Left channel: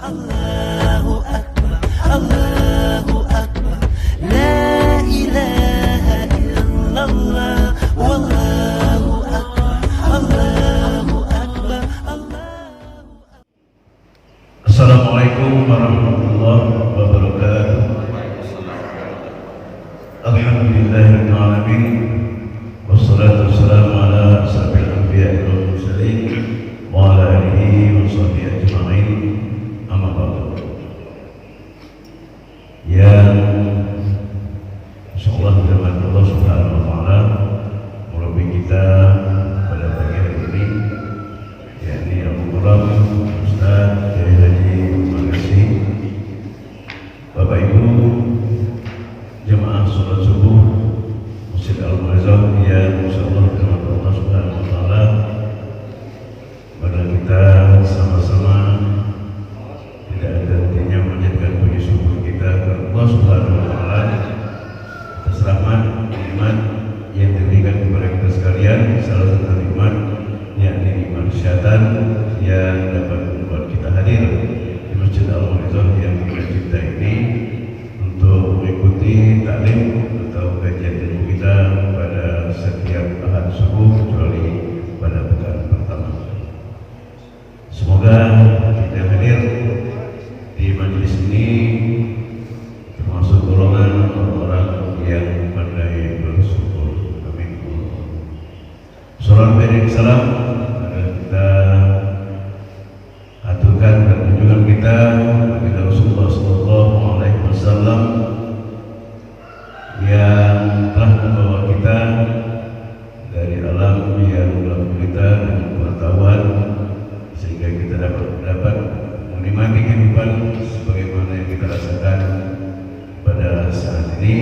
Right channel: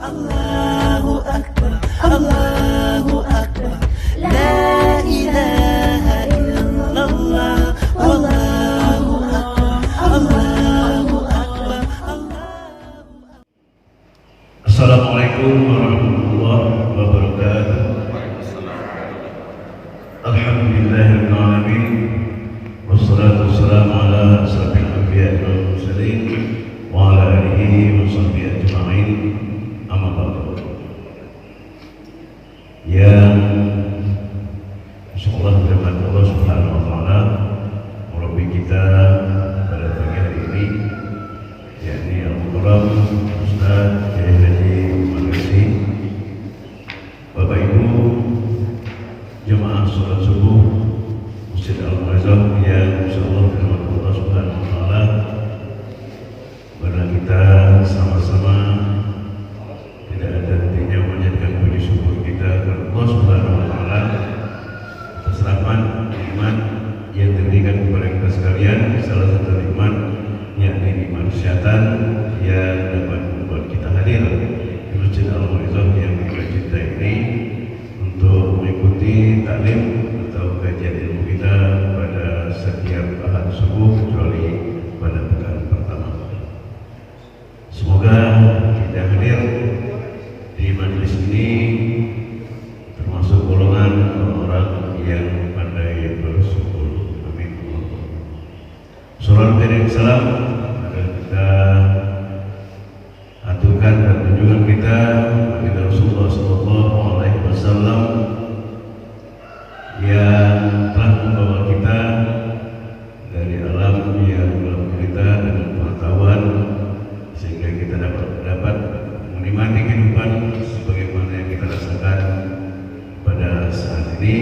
Allahu Akbar, Allahu Akbar, La ilaha illallah, Wallahu Akbar, Allahu Akbar, Allahu Akbar. Assalamualaikum warahmatullahi wabarakatuh. Alhamdulillahirabbil alamin. Wassalatu wassalamu ala asyrafil anbiya'i wal mursalin wa ala alihi wa sahbihi ajma'in. Amma ba'du. Yang insyaallah firman Allah Subhanahu wa taala melalui kita pada pagi hari ini, yakni Al-Mukarram Ustaz Haji Magasi, Bapak Ibu jemaah salat subuh Masjid Al-Muazzam yang insyaallah firman Allah Subhanahu wa taala pada kita sama-sama tidak ada hentinya menyatakan puji syukur kita kepada Allah Subhanahu wa taala atas rahmat iman yang diberikan kepada kita sekalian. Salah satu nikmat yakni nikmat kesehatan yang dapat membuat kita hadir di Masjid Al-Muazzam yang kita cintai ini untuk mengikuti taklim atau kajian ilmu kita pada setiap ahad subuh kecuali pada pekan pertama. Semoga kita hadir di majelis ini termasuk golongan orang yang pandai bersyukur. Amin. Salam dan salam agar kita aturkan dan tunjukkan kita kepada Rasulullah Sallallahu Alaihi Wasallam yang telah membawa kita dari alam yang gelap gulita dengan pengetahuan sehingga kita dapat menikmati kehidupan sebagaimana yang kita rasakan pada saat ini.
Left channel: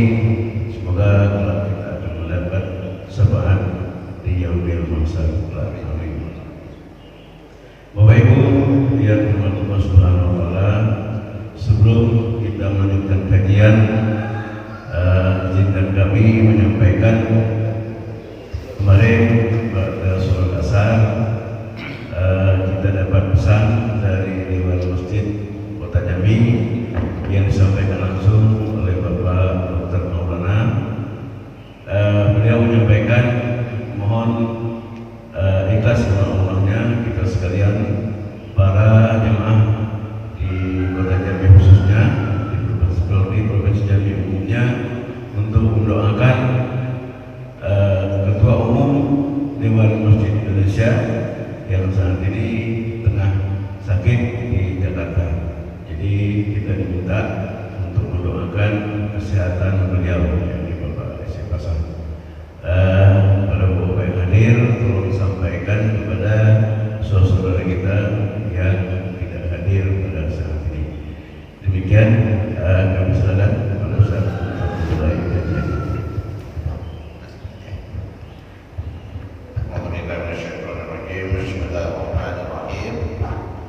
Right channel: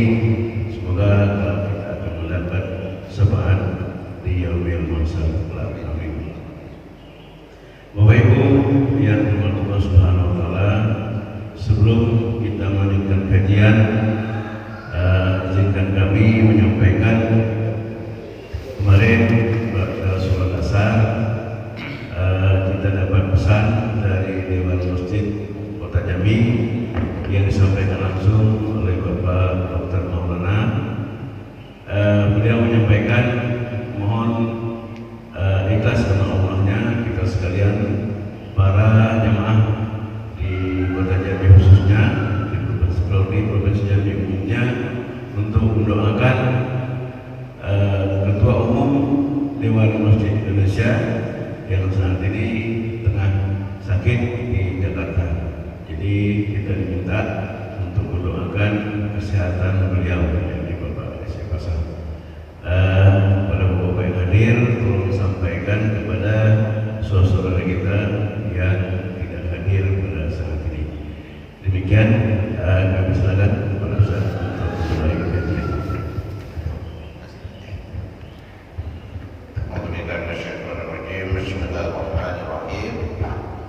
Semoga kita akan mendapat syafaat di yaumil mahsyar. Amin. Bapak Ibu yang dirahmati Allah Subhanahu wa taala, sebelum kita melanjutkan kajian, izinkan kami menyampaikan kemarin pada sholat asar kita dapat pesan dari Dewan Masjid Kota Jambi yang disampaikan langsung oleh Bapak Dr. Maulana. Beliau menyampaikan mohon ikhlas karena Allahnya kita sekalian para jemaah di Kota Jambi khususnya di Provinsi Jambi umumnya untuk mendoakan Ketua Umum Dewan Masjid Indonesia yang saat ini tengah sakit di Jakarta. Jadi kita diminta untuk mendoakan kesehatan beliau, yakni Bapak Desi Pasang. Pada Bapak yang hadir, tolong disampaikan kepada saudara kita yang tidak hadir pada saat ini. Demikian kami silakan kepada Ustaz untuk mulai kajian. Bismillahirrahmanirrahim.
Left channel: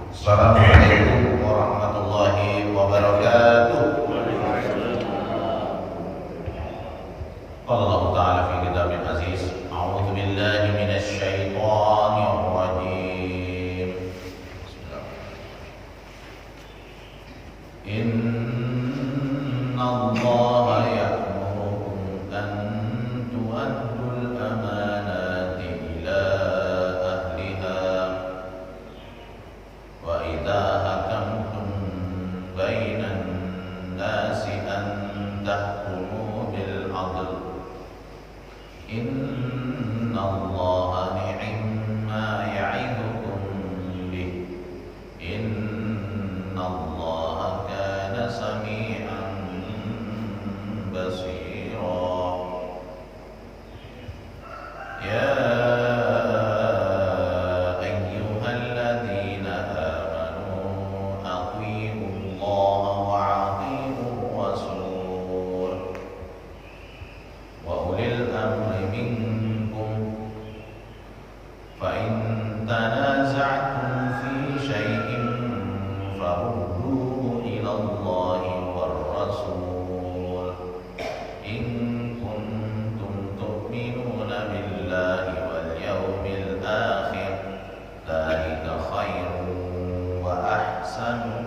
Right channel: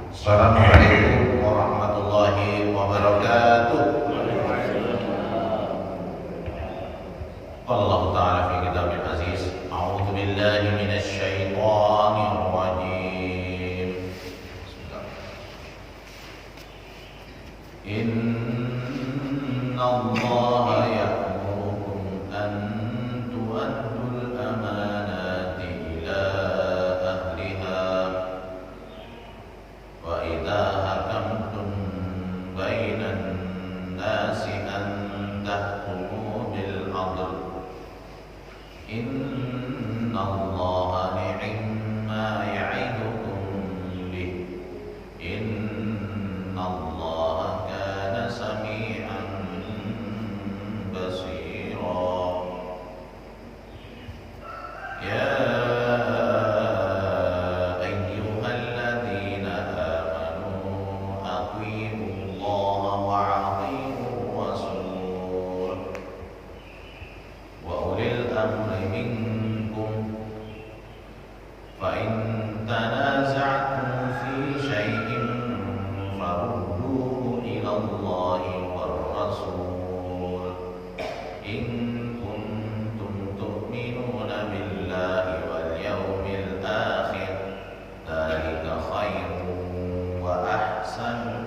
Assalamualaikum warahmatullahi wabarakatuh. Allah Ta'ala fi kitabul aziz. A'udzu billahi minasy syaithanir rajim. Inna Allaha ya'murukum an tu'addul amanati ila ahliha wa idza hakamtum bainan nasi an tahkumu bil 'adl. Inna Allaha ni'ma ya'idukum bih. Inna Allaha kana sami'an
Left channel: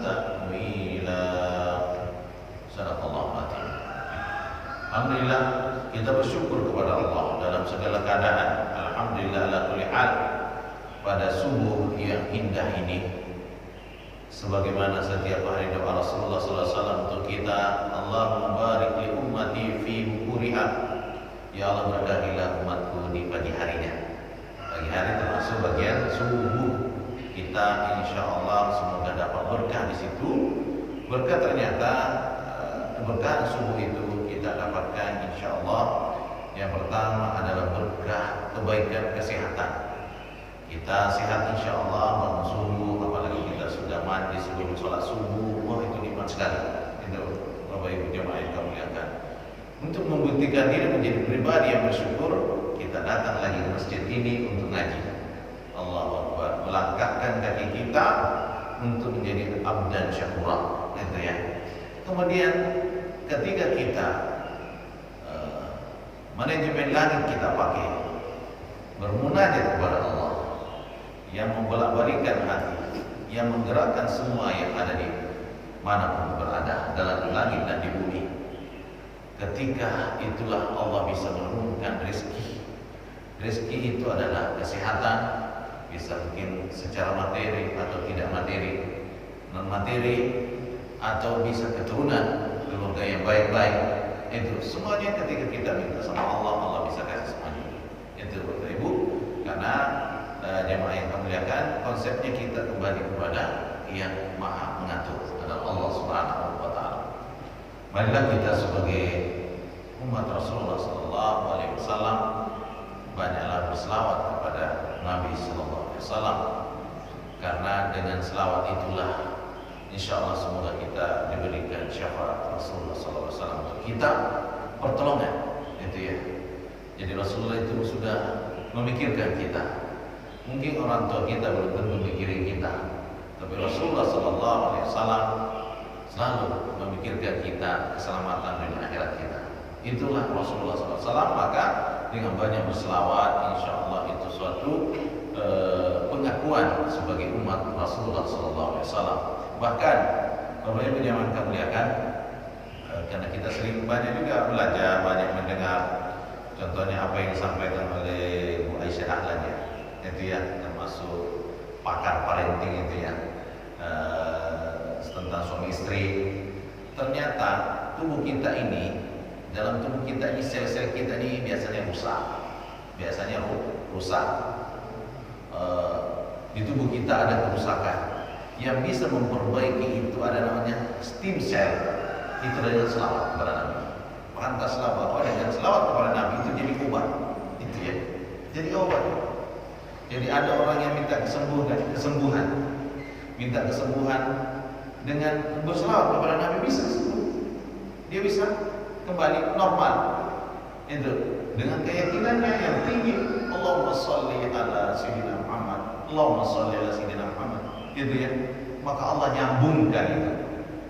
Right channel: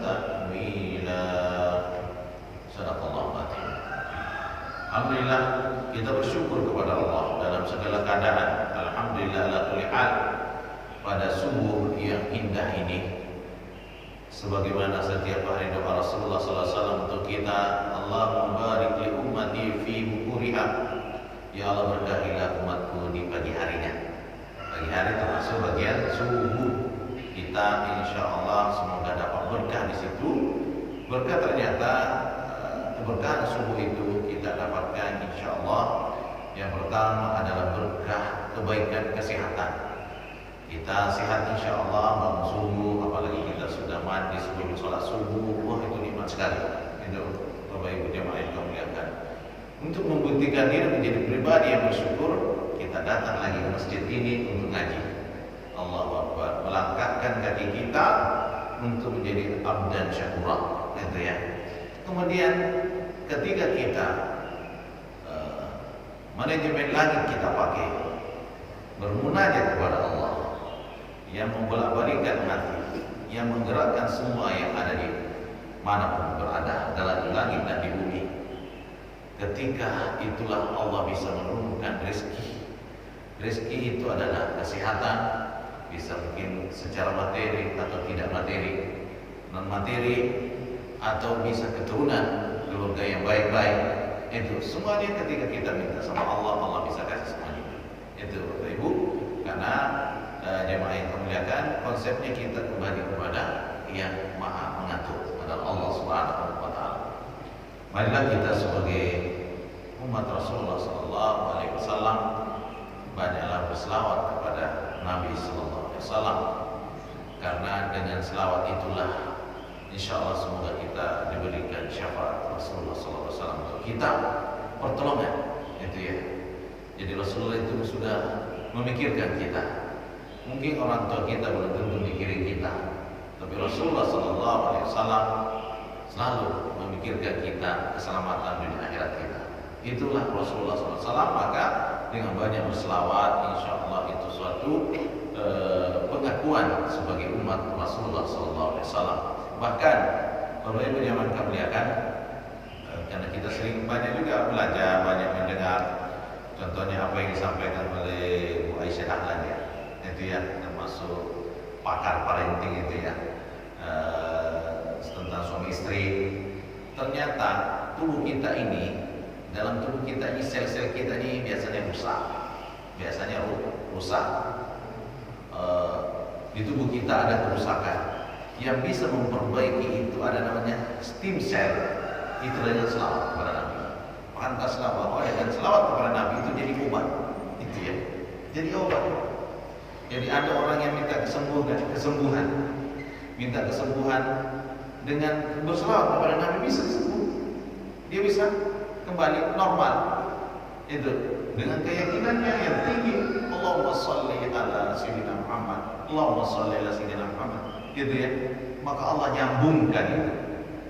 ta'wila. Sadaqallahu al-azim. Alhamdulillah, kita bersyukur kepada Allah dalam segala keadaan. Alhamdulillah ala kulli hal. Pada subuh yang indah ini, sebagaimana setiap hari doa Rasulullah SAW untuk kita, Allahumma barik li ummati fi bukuriha. Ya Allah, berkahilah umatku di pagi harinya. Pagi hari termasuk bagian subuh. Kita insya Allah semoga dapat berkah di situ. Berkah ternyata berkah subuh itu kita dapatkan insya Allah. Yang pertama adalah berkah kebaikan kesehatan. Kita sehat insya Allah bangun subuh, apalagi kita sudah mandi sebelum sholat subuh. Wah, itu nikmat sekali. Itu Bapak Ibu jemaah yang kami muliakan. Untuk membuktikan diri menjadi pribadi yang bersyukur, kita datang lagi ke masjid ini untuk ngaji. Allahu Akbar. Melangkahkan kaki kita untuk menjadi abdan syakura. Itu ya. Kemudian ketika kita manajemen langit kita pakai bermunajat kepada Allah yang membolak-balikkan hati, yang menggerakkan semua yang ada di manapun berada dalam langit dan di bumi. Ketika itulah Allah bisa menurunkan rezeki. Rezeki itu adalah kesehatan, bisa mungkin secara materi atau tidak materi, non materi, atau bisa keturunan keluarga yang baik-baik. Itu semuanya ketika kita minta sama Allah, Allah bisa kasih semuanya. Itu Bapak Ibu, karena jemaah yang kami muliakan, konsepnya kita kembali kepada yang Maha Mengatur, adalah Allah Subhanahu wa taala. Marilah kita sebagai umat Rasulullah sallallahu alaihi wasallam banyaklah berselawat kepada Nabi sallallahu alaihi wasallam, karena dengan selawat itulah insyaallah semoga kita diberikan syafaat Rasulullah sallallahu alaihi wasallam untuk kita, pertolongan. Itu ya. Jadi Rasulullah itu sudah memikirkan kita. Mungkin orang tua kita belum tentu mikirin kita, tapi Rasulullah sallallahu alaihi wasallam selalu memikirkan kita, keselamatan dunia akhirat kita. Itulah Rasulullah sallallahu alaihi wasallam. Maka dengan banyak berselawat, insyaallah itu suatu pengakuan sebagai umat Rasulullah sallallahu alaihi wasallam. Bahkan Bapak Ibu yang kami muliakan, karena kita sering banyak juga belajar, banyak mendengar, contohnya apa yang disampaikan oleh Bu Aisyah Dahlan ya, itu ya, termasuk pakar parenting itu ya, tentang suami istri. Ternyata tubuh kita ini, dalam tubuh kita ini, sel-sel kita ini biasanya rusak. Di tubuh kita ada kerusakan. Yang bisa memperbaiki itu ada namanya stem cell. Itu dengan selawat kepada Nabi. Pantaslah bahwa dengan selawat kepada Nabi itu jadi obat. Itu ya, jadi obat. Jadi ada orang yang minta kesembuhan, minta kesembuhan dengan berselawat kepada Nabi bisa sembuh. Dia bisa kembali normal. Itu dengan keyakinannya yang tinggi. Allahumma sholli ala sayyidina Muhammad. Allahumma sholli ala sayyidina Muhammad. Gitu ya. Maka Allah nyambungkan itu.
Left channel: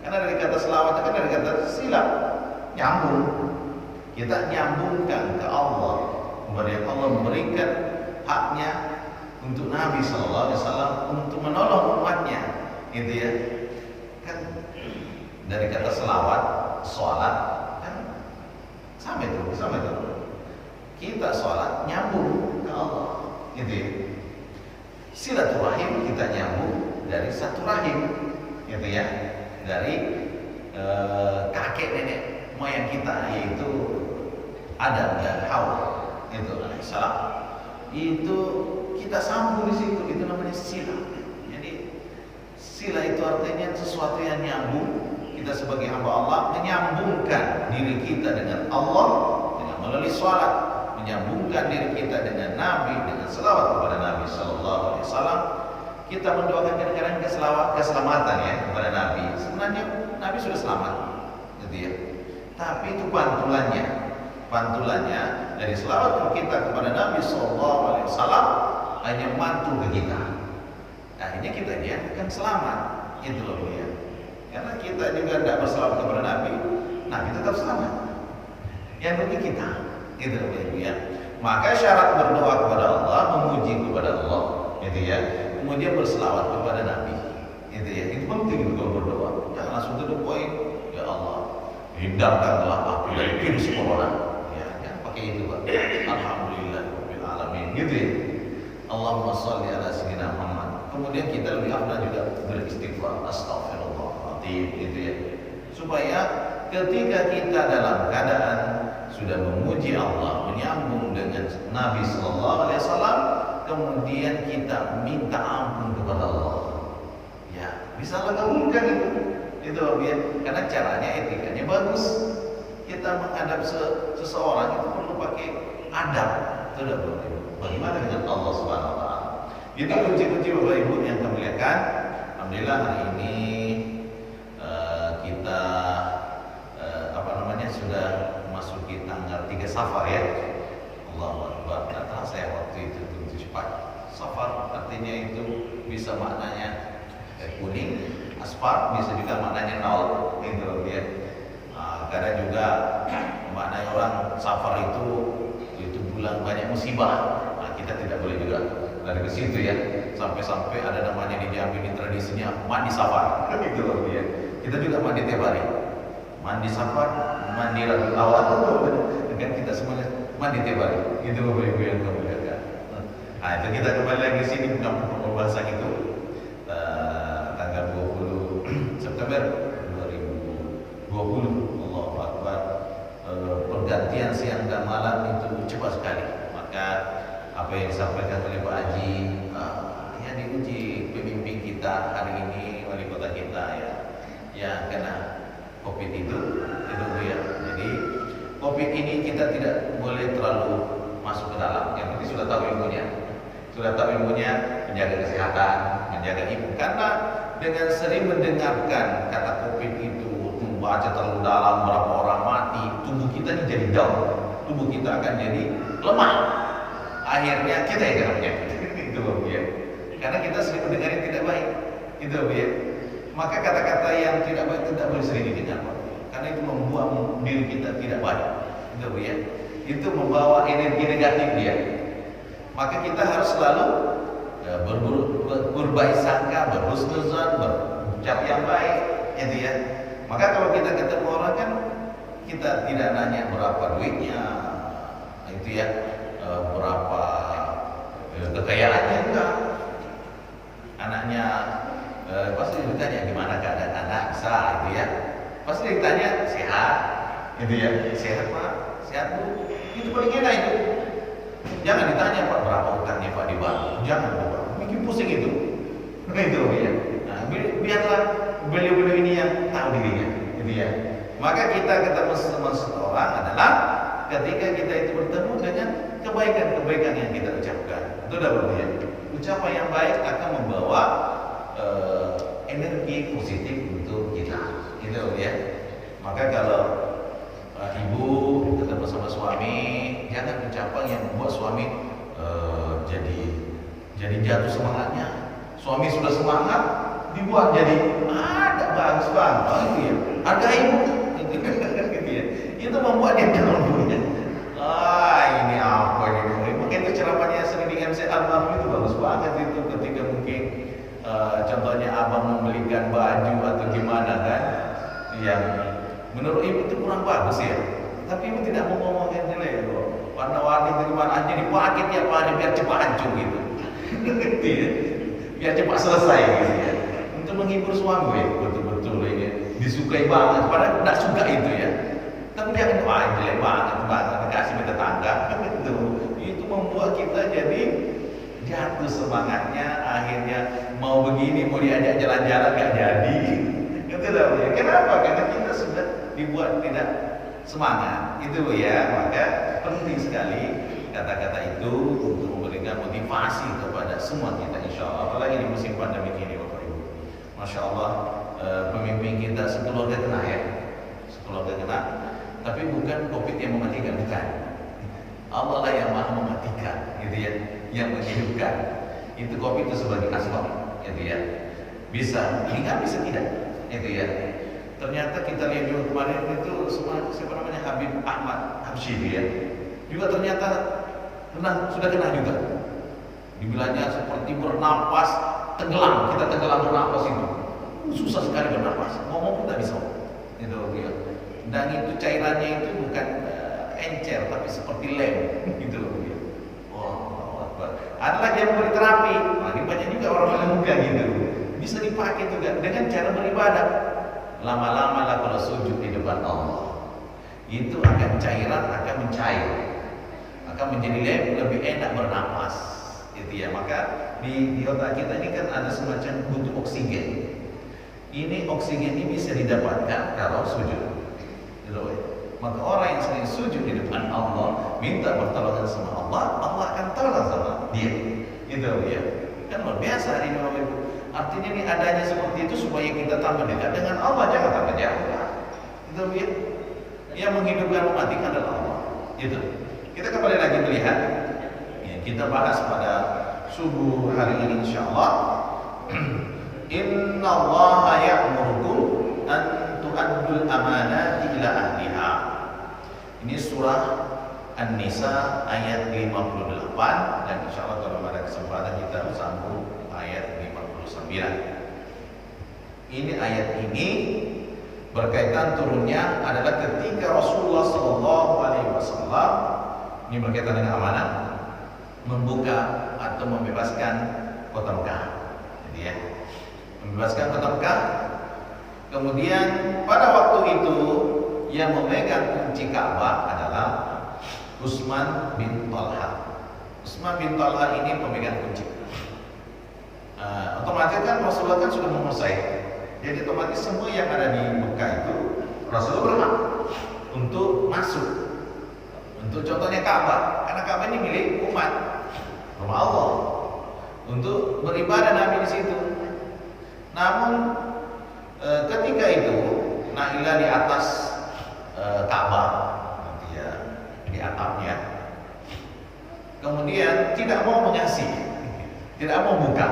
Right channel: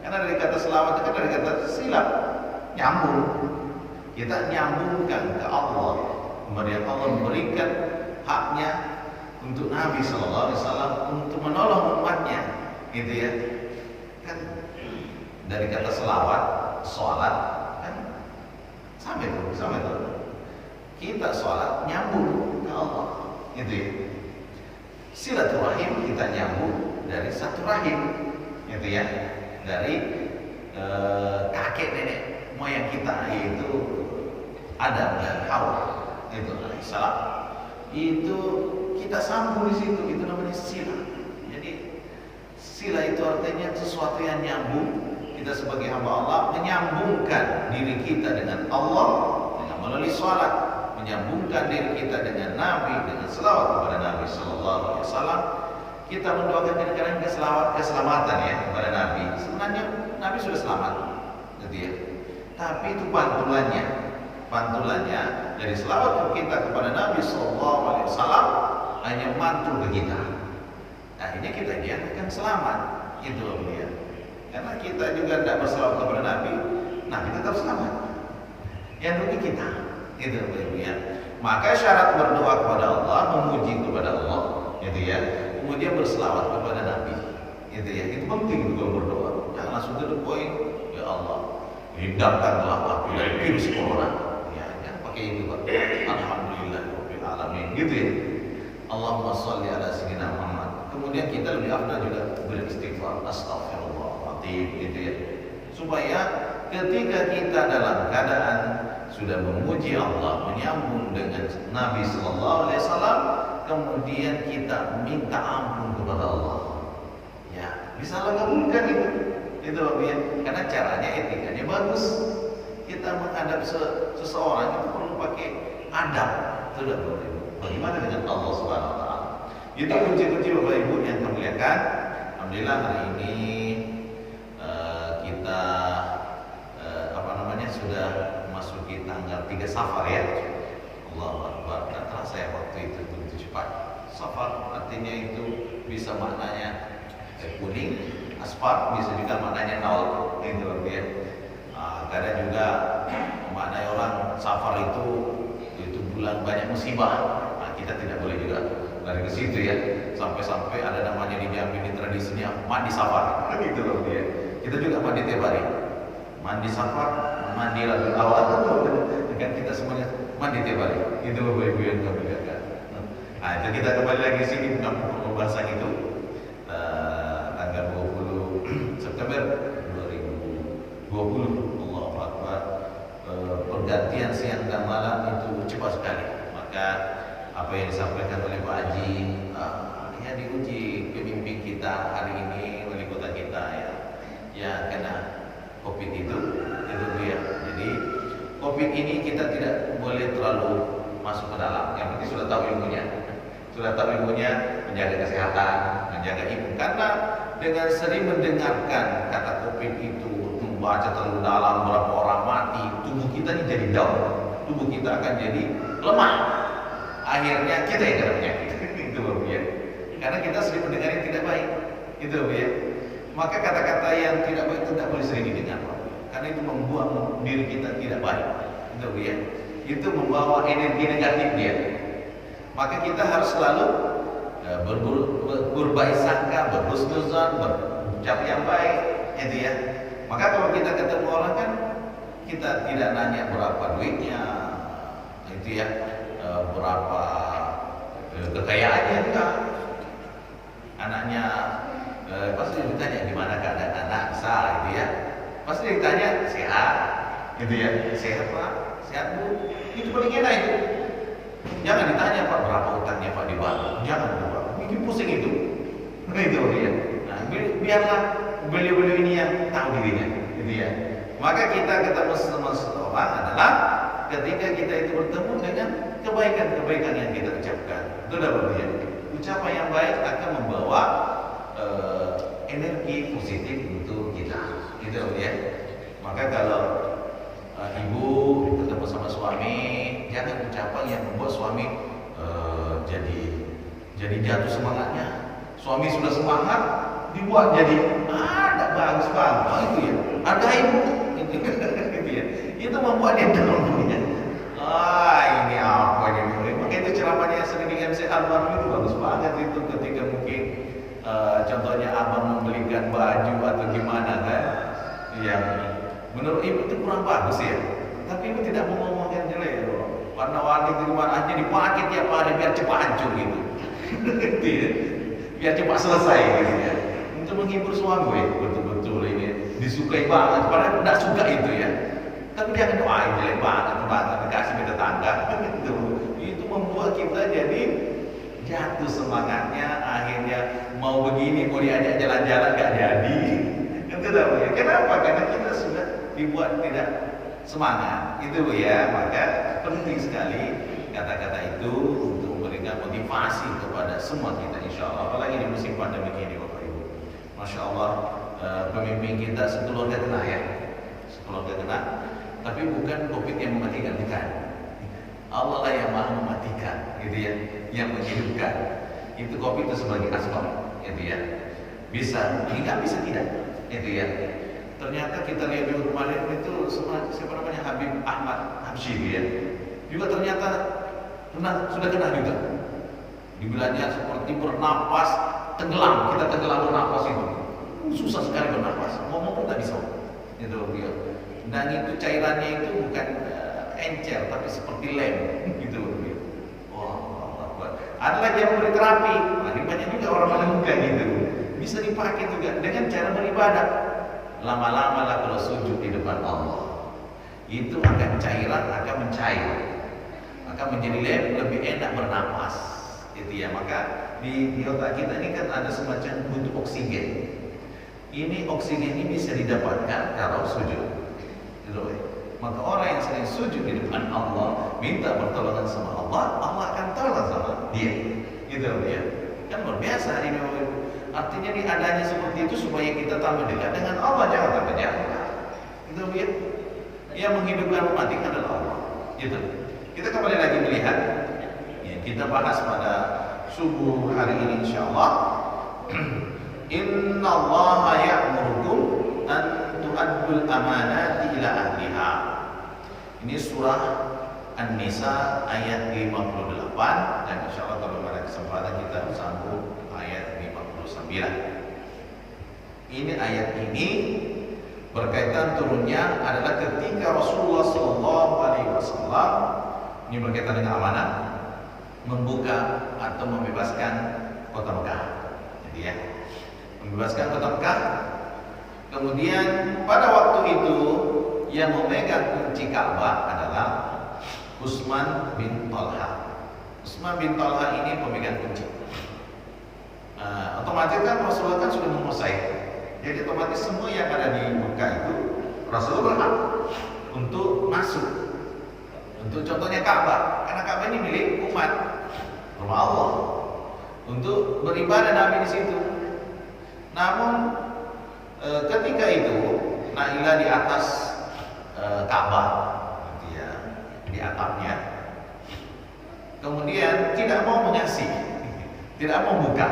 Karena dari kata selawat kan dari kata silap, nyambung. Kita nyambungkan ke Allah. Kemudian Allah memberikan haknya untuk Nabi sallallahu alaihi wasallam untuk menolong umatnya, gitu ya. Kan dari kata selawat, sholat kan sama itu. Kita sholat nyambung ke Allah, gitu ya. Silaturahim kita nyambung dari satu rahim, gitu ya. Dari kakek nenek moyang kita, yaitu Adam dan Hawa, itu alaihissalam. Itu kita sambung di situ, itu namanya sila. Jadi sila itu artinya sesuatu yang nyambung. Kita sebagai hamba Allah menyambungkan diri kita dengan Allah dengan melalui sholat, menyambungkan diri kita dengan Nabi dengan selawat kepada Nabi Sallallahu Alaihi Wasallam. Kita mendoakan kadang-kadang keselamatan ya kepada Nabi. Sebenarnya Nabi sudah selamat, gitu ya. Tapi itu pantulannya dari selawat kita kepada Nabi Sallallahu Alaihi Wasallam hanya mantul ke kita. Akhirnya kita akan selamat, itu beliau. Karena kita juga tidak berselawat kepada Nabi, Nabi tetap selamat. Yang rugi kita, itu ya. Maka syarat berdoa kepada Allah, memuji kepada Allah, gitu ya. Kemudian berselawat kepada Nabi, gitu ya. Itu penting itu kalau berdoa. Jangan langsung to the point. Ya Allah, hindarkanlah aku dari virus corona. Ya, jangan pakai itu, Pak. Alhamdulillah rabbil alamin. Gitu ya. Allahumma sholli ala sayyidina Muhammad. Kemudian kita lebih afdal juga beristighfar, astagfirullahaladzim, gitu ya. Supaya ketika kita dalam keadaan sudah memuji Allah, menyambung dengan Nabi Sallallahu Alaihi Wasallam, kemudian kita minta ampun kepada Allah. Ya, bisa Allah kabulkan itu ya. Karena caranya, etikanya bagus. Kita menghadap seseorang itu perlu pakai adab. Itu udah boleh. Bagaimana dengan Allah Subhanahu Wa Taala? Itu kunci-kunci Bapak Ibu yang kami lihatkan. Alhamdulillah hari ini kita sudah masuki tanggal 3 Safar ya. Allahu Akbar. Tidak terasa ya waktu itu begitu cepat. Safar artinya itu bisa maknanya kuning, asfar bisa juga maknanya nol. Itu ya. Kadang juga maknanya orang Safar itu bulan banyak musibah. Kita tidak boleh juga dari ke situ ya. Sampai-sampai ada namanya di Jambi, ini tradisinya mandi Safar. Itu ya. Kita juga mandi tiap hari. Mandi Safar, mandi Rabiul Awal, kan kita semuanya mandi tiap hari. Itu Bapak Ibu yang kami lihatkan. Nah, itu kita kembali lagi sini bukan pembahasan itu. Tanggal 20 September 2020, Allahu Akbar. Pergantian siang dan malam itu cepat sekali. Maka apa yang disampaikan oleh Pak Haji, ya diuji pemimpin kita hari ini, wali kota kita ya kena COVID itu ya. Jadi COVID ini kita tidak boleh terlalu masuk ke dalam. Yang penting sudah tahu ilmunya, menjaga kesehatan, menjaga imun. Karena dengan sering mendengarkan kata COVID itu, membaca terlalu dalam berapa orang mati, tubuh kita ini jadi down, tubuh kita akan jadi lemah. Akhirnya kita yang kena penyakit. Itu Bapak ya. Karena kita sering mendengar yang tidak baik. Itu Bapak ya. Maka kata-kata yang tidak baik tidak boleh sering didengar, karena itu membuat diri kita tidak baik. Itu ya. Itu membawa energi negatif dia. Maka kita harus selalu berbaik sangka, berhusnuzan, berucap yang baik, itu ya. Maka kalau kita ketemu orang kan kita tidak nanya berapa duitnya, itu ya, berapa kekayaannya, enggak. Anaknya pasti ditanya gimana keadaan anak, bisa itu ya. Pasti ditanya sehat, itu ya. Sehat Pak, sehat Bu. Itu paling enak itu. Jangan ditanya Pak berapa utangnya Pak di bank. Jangan Pak, bikin pusing itu. Itu ya. Nah, biarlah beliau-beliau ini yang tahu dirinya, itu ya. Maka kita ketemu sama seseorang adalah ketika kita itu bertemu dengan kebaikan-kebaikan yang kita ucapkan. Itu udah berarti. Ucapan yang baik akan membawa energi positif untuk kita, gitu ya. Maka kalau ibu ketemu sama suami, jangan ucapan yang membuat suami jadi jatuh semangatnya. Suami sudah semangat, dibuat jadi ada bagus banget, itu ya. Hargai ibu, gitu ya. Itu membuat dia down. Ini apa ini? Maka itu ceramahnya sering di MC Almarhum itu bagus banget itu ketika mungkin contohnya abang membelikan baju atau gimana kan, yang menurut ibu itu kurang bagus ya, tapi ibu tidak mau ngomong yang jelek. Warna-warni itu gimana aja dipakai tiap hari biar cepat hancur gitu. Biar cepat selesai gitu ya. Untuk menghibur suami, betul-betul ini disukai banget, padahal tidak suka itu ya. Tapi jangan doain jelek banget dikasih ke tetangga. Itu membuat kita jadi jatuh semangatnya, akhirnya mau begini, mau diajak jalan-jalan gak jadi. Ya. Kenapa? Karena kita sudah dibuat tidak semangat. Itu ya, maka penting sekali kata-kata itu untuk memberikan motivasi kepada semua kita, insya Allah. Apalagi di musim pandemi ini, Bapak Ibu. Masya Allah, pemimpin kita sekeluarga kena ya, sekeluarga kena. Tapi bukan COVID yang mematikan, bukan. Allah lah yang maha mematikan, gitu ya, yang menghidupkan. Itu COVID itu sebagai asbab, gitu ya. Bisa hingga bisa tidak, itu ya. Ternyata kita lihat juga kemarin itu siapa namanya, Habib Ahmad Habsyi ya. Juga ternyata sudah kena juga. Dibilangnya seperti bernapas tenggelam, kita tenggelam bernapas itu. susah sekali bernapas, ngomong pun tak bisa. Itu dia. Dan itu cairannya itu bukan encer tapi seperti lem gitu dia. Wah, ada lagi yang memberi terapi. Nah, ini banyak juga orang menemukan gitu. Bisa dipakai juga dengan cara beribadah. Lama-lama lah kalau sujud di depan Allah, itu akan cairan akan mencair, akan menjadi lebih enak bernapas. Itu ya, maka di otak kita ini kan ada semacam butuh oksigen. Ini oksigen ini bisa didapatkan kalau sujud. Maka orang yang sering sujud di depan Allah, minta pertolongan sama Allah, Allah akan tolong sama dia. Gitu ya. Kan luar biasa ini Bapak Ibu. Artinya ini adanya seperti itu supaya kita tambah dekat dengan Allah, jangan tambah jauh. Gitu ya. Yang menghidupkan mematikan adalah Allah. Gitu. Kita kembali lagi melihat yang kita bahas pada subuh hari ini insyaallah. Inna Allah ya'murukum an tu'addul amanati ila ahliha. Ini surah An-Nisa ayat 58 dan insyaallah kalau ada kesempatan kita sambung ayat 59. Ini ayat ini berkaitan turunnya adalah ketika Rasulullah SAW, ini berkaitan dengan amanah, membuka atau membebaskan kota Mekah. Jadi ya, membebaskan kota Mekah. Kemudian pada waktu itu yang memegang kunci Ka'bah adalah Utsman bin Talha. Utsman bin Talha ini pemegang kunci. Otomatis kan Rasulullah kan sudah menguasai. Jadi otomatis semua yang ada di Mekah itu Rasulullah berhak untuk masuk. Untuk contohnya Ka'bah, karena Ka'bah ini milik umat, rumah Allah. Untuk beribadah Nabi di situ. Namun ketika itu Nailah di atas Ka'bah, gitu ya, di atapnya. Kemudian tidak mau menyaksi, tidak mau buka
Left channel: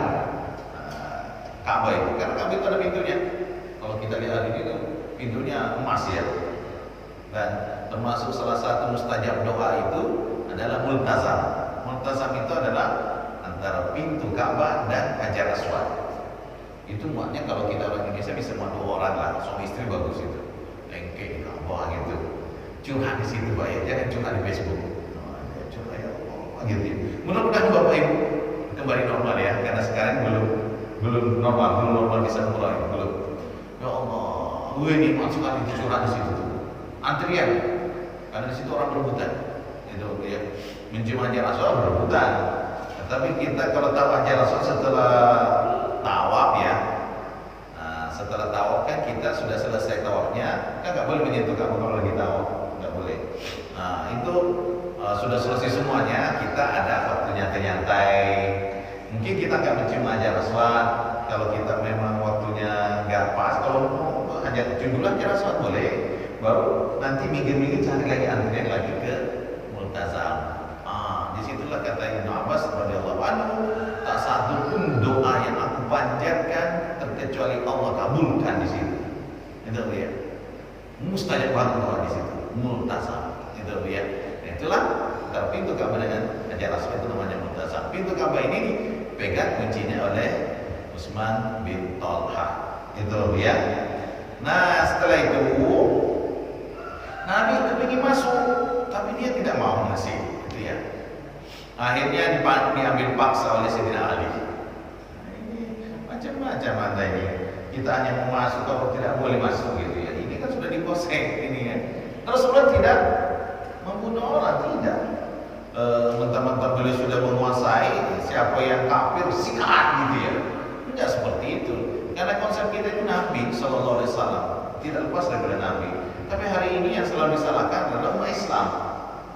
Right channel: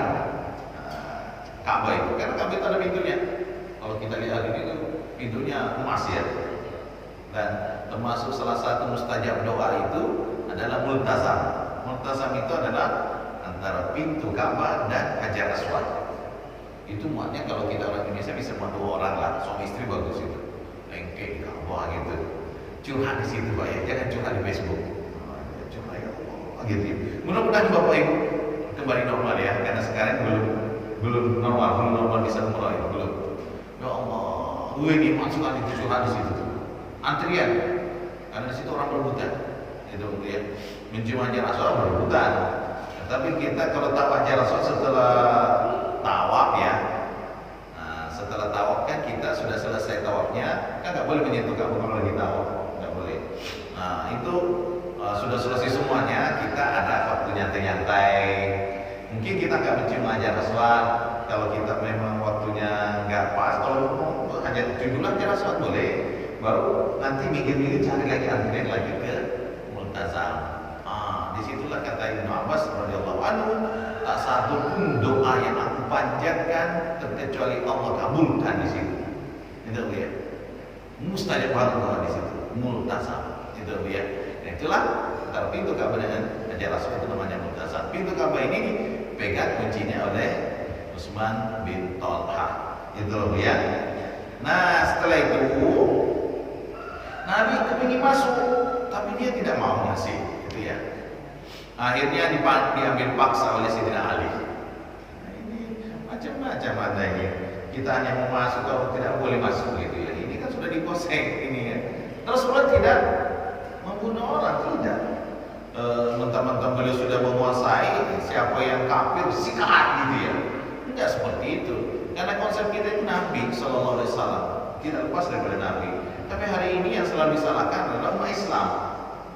Ka'bah itu, karena Ka'bah itu ada pintunya. Kalau kita lihat ini tuh pintunya emas ya. Dan termasuk salah satu mustajab doa itu adalah multazam. Multazam itu adalah antara pintu Ka'bah dan Hajar Aswad. Itu muatnya kalau kita orang Indonesia bisa muat 2 orang lah, suami istri bagus itu. Lengke di Ka'bah gitu. Curhat di situ Pak ya, jangan curhat di Facebook. Curhat gitu. Mudah-mudahan Bapak Ibu kembali normal ya, karena sekarang belum normal bisa umrah ya, belum. Ya Allah, gue ini masuk aja curhat di situ tuh. Antrian, karena di situ orang berebutan. Itu ya, mencium Hajar Aswad berebutan. Tapi kita kalau tahu Hajar Aswad setelah tawaf ya, setelah tawaf kan kita sudah selesai tawafnya, kan nggak boleh menyentuh Ka'bah kalau lagi tawaf, nggak boleh. Nah itu sudah selesai semuanya, kita ada waktu nyantai-nyantai. Mungkin kita nggak mencium Hajar Aswad, kalau kita memang waktunya nggak pas, kalau cium dulu Hajar Aswad boleh, baru nanti minggir-minggir cari lagi antrian lagi ke Multazam. Disitulah kata Ibnu Abbas radhiyallahu anhu, tak satu pun doa yang aku panjatkan terkecuali Allah kabulkan di situ. Itu ya. Mustajab banget doa di situ. Multazam. Itu ya. Nah, itulah antara pintu Ka'bah dengan Hajar Aswad itu namanya Multazam. Pintu Ka'bah ini dipegang kuncinya oleh Utsman bin Talha. Itu ya. Nah, setelah itu Nabi kepingin masuk, tapi dia tidak mau ngasih. Itu ya. Akhirnya diambil paksa oleh Sayyidina Ali. Ini macam-macam ada ini. Kita hanya mau masuk, kalau tidak boleh masuk gitu ya. Ini kan sudah dikuasai ini ya. Rasulullah tidak membunuh orang, tidak. Mentang-mentang beliau sudah menguasai, siapa yang kafir sikat gitu ya. Enggak seperti itu. Karena konsep kita itu Nabi Sallallahu Alaihi Wasallam tidak lepas daripada Nabi. Tapi hari ini yang selalu disalahkan adalah umat Islam.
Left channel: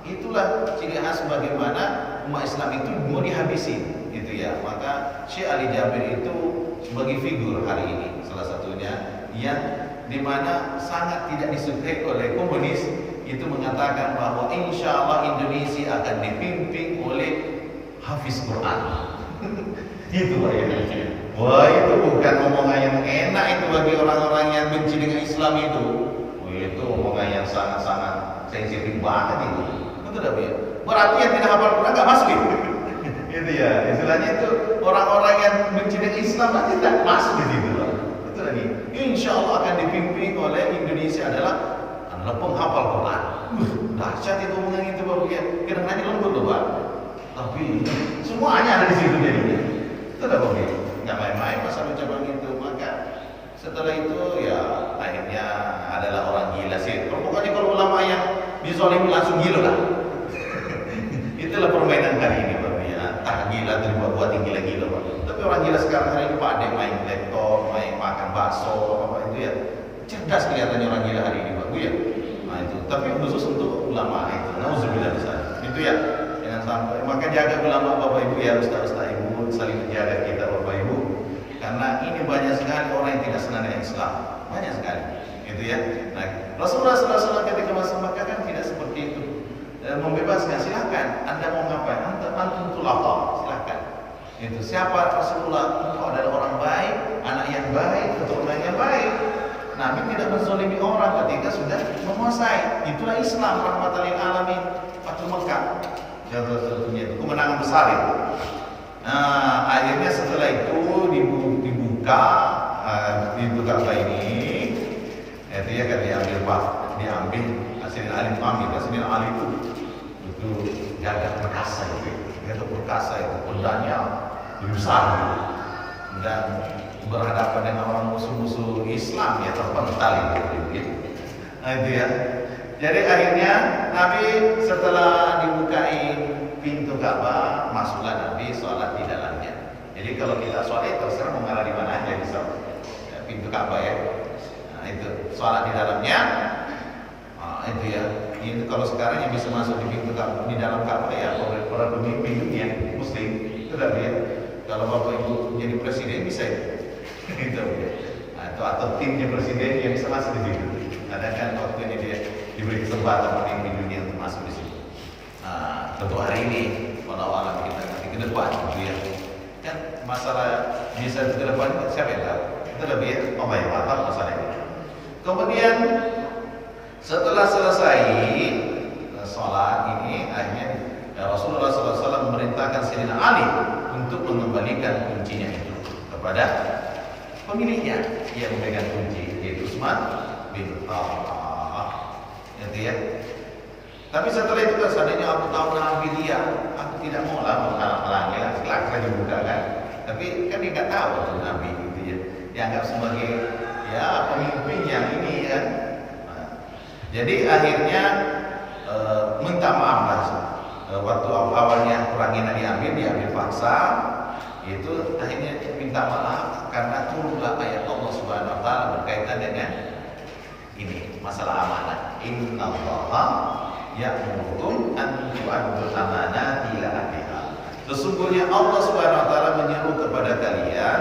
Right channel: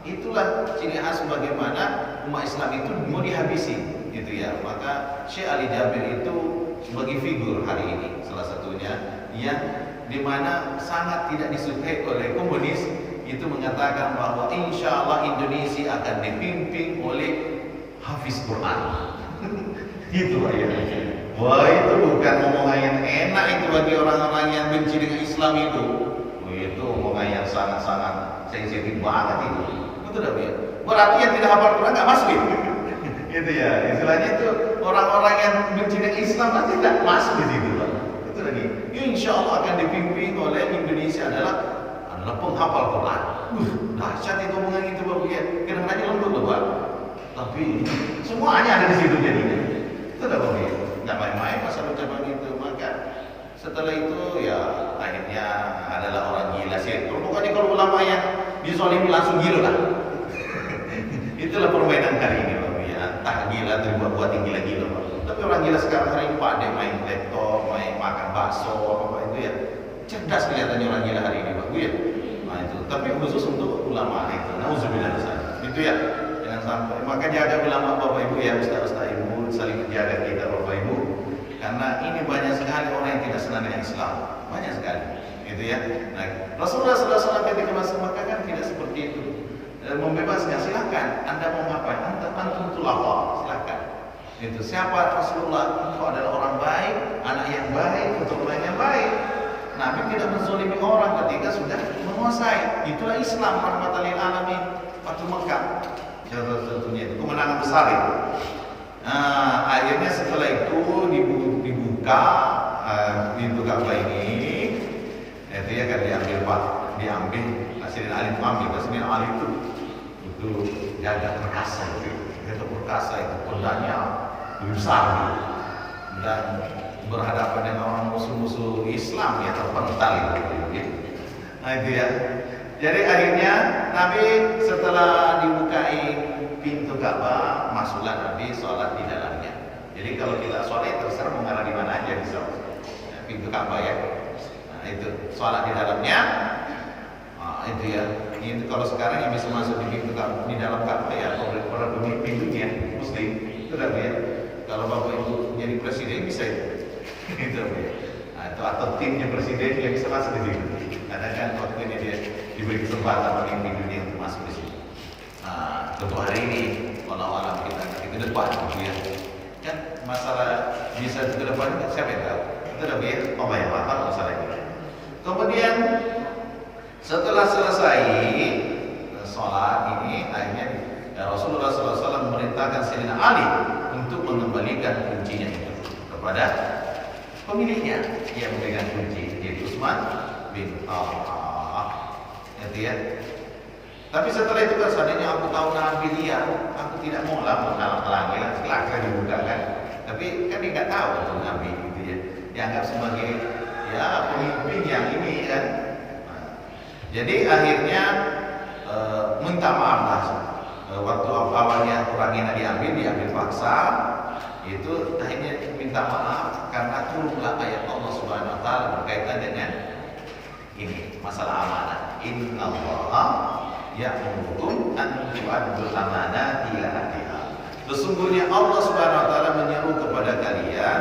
Itulah ciri khas bagaimana umat Islam itu mau dihabisi, gitu ya. Maka Syekh Ali Jabir itu sebagai figur hari ini salah satunya yang dimana sangat tidak disukai oleh komunis, itu mengatakan bahwa insya Allah Indonesia akan dipimpin oleh hafiz Quran. Itu Pak ya. Wah, itu bukan omongan yang enak itu bagi orang-orang yang benci dengan Islam itu. Itu omongan yang sangat-sangat sensitif banget itu. Betul tak ya? Berarti yang tidak hafal Quran nggak masuk gitu. Itu ya, istilahnya itu orang-orang yang benci dengan Islam pasti tidak masuk di situ. Itu tadi. insya Allah akan dipimpin oleh Indonesia adalah penghafal Quran. Dahsyat itu omongan itu Bapak ya. Kadang-kadang lembut loh Pak. Tapi semuanya ada di situ jadinya. Itu dah Bapak ya. Nggak main-main masa ucapan itu. Maka setelah itu ya akhirnya adalah orang gila sih. Pokoknya kalau ulama yang dizolimi langsung gila lah. Itulah permainan hari ini Bapak ya. Entah gila buat gila-gila Pak. Tapi orang gila sekarang hari ini Pak ada main laptop, main makan bakso apa-apa itu ya. Cerdas kelihatannya orang gila hari ini Pak ya. Nah itu. Tapi khusus untuk ulama itu. Nauzubillah misalnya. Itu ya. Jangan sampai. Maka jaga ulama Bapak Ibu ya, ustaz-ustaz Ibu saling menjaga kita Bapak Ibu. Karena ini banyak sekali orang yang tidak senang dengan Islam. Banyak sekali. Itu ya. Nah, Rasulullah SAW ketika masuk Makkah kan tidak seperti itu. Membebaskan, silakan. Anda mau ngapain? Antum tulaqah, silakan. Itu siapa Rasulullah? Engkau adalah orang baik, anak yang baik, keturunan yang baik. Nabi tidak menzalimi orang ketika sudah menguasai. Itulah Islam rahmatan lil alamin. Fathul Makkah. Contohnya itu kemenangan besar itu. Nah, akhirnya setelah itu dibuka pintu Ka'bah ini. Itu ya kan diambil Sayyidina Ali ambil. Sayyidina Ali itu jaga perkasa itu. Itu perkasa itu pedangnya lebih besar gitu. Dan berhadapan dengan orang musuh-musuh Islam ya terpental itu gitu. Nah itu ya. Jadi akhirnya Nabi setelah dibukai pintu Ka'bah, masuklah Nabi sholat di dalamnya. Jadi kalau kita sholat terserah mau ngarah di mana aja bisa. Ya, pintu Ka'bah ya. Nah itu sholat di dalamnya. Nah, itu ya. Ini kalau sekarang yang bisa masuk di pintu Ka'bah, di dalam Ka'bah ya para pemimpin dunia Muslim itu dah ya. Kalau Bapak Ibu jadi presiden bisa itu. Itu ya. Nah, itu atau timnya presiden yang bisa masuk di situ. Kadang kan waktu ini dia diberi kesempatan pemimpin dunia untuk masuk di situ. Nah, tentu hari ini walau alam kita nanti ke depan gitu ya. Kan masalah bisa ke depan siapa yang tahu? Itu dah ya. Allah yang tahu masalah ini. Kemudian setelah selesai sholat ini akhirnya Rasulullah SAW memerintahkan Sayyidina Ali untuk mengembalikan kuncinya itu kepada pemiliknya yang memegang kunci yaitu Utsman bin Affan. Itu ya. Tapi setelah itu kan seandainya aku tahu Nabi dia, aku tidak mau lah menghalang-halangi lah, silakan dibuka kan. Tapi kan dia nggak tahu itu Nabi gitu ya. Dianggap sebagai ya pemimpin yang ini kan. Nah, jadi akhirnya minta maaf lah. Waktu awalnya kurangnya diambil paksa. Itu akhirnya minta maaf karena turunlah ayat Allah Subhanahu wa taala berkaitan dengan ini masalah amanah. Innallaha ya'murukum an tu'addul amanati ila ahliha. Sesungguhnya Allah Subhanahu wa taala menyeru kepada kalian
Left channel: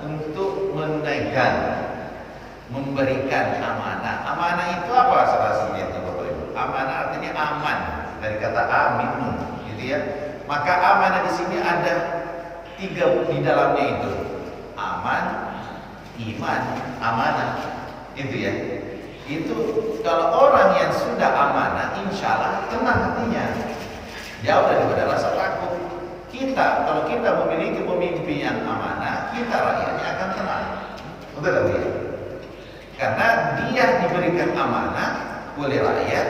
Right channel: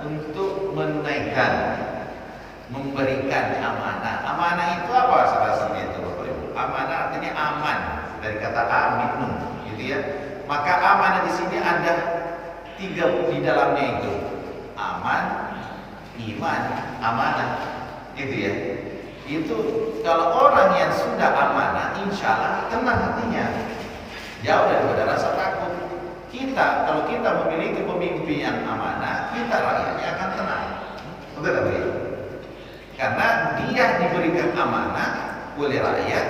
untuk menunaikan, memberikan amanah. Amanah itu apa saudara-saudara itu Bapak Ibu? Amanah artinya aman dari kata aminun, gitu ya. Maka amanah di sini ada 3 di dalamnya itu. Aman, iman, amanah. Itu ya. Itu kalau orang yang sudah amanah, insya Allah tenang hatinya, jauh daripada rasa takut. Kita kalau kita memiliki pemimpin yang amanah, kita rakyatnya akan tenang. Betul tak ya? Karena dia diberikan amanah oleh rakyat,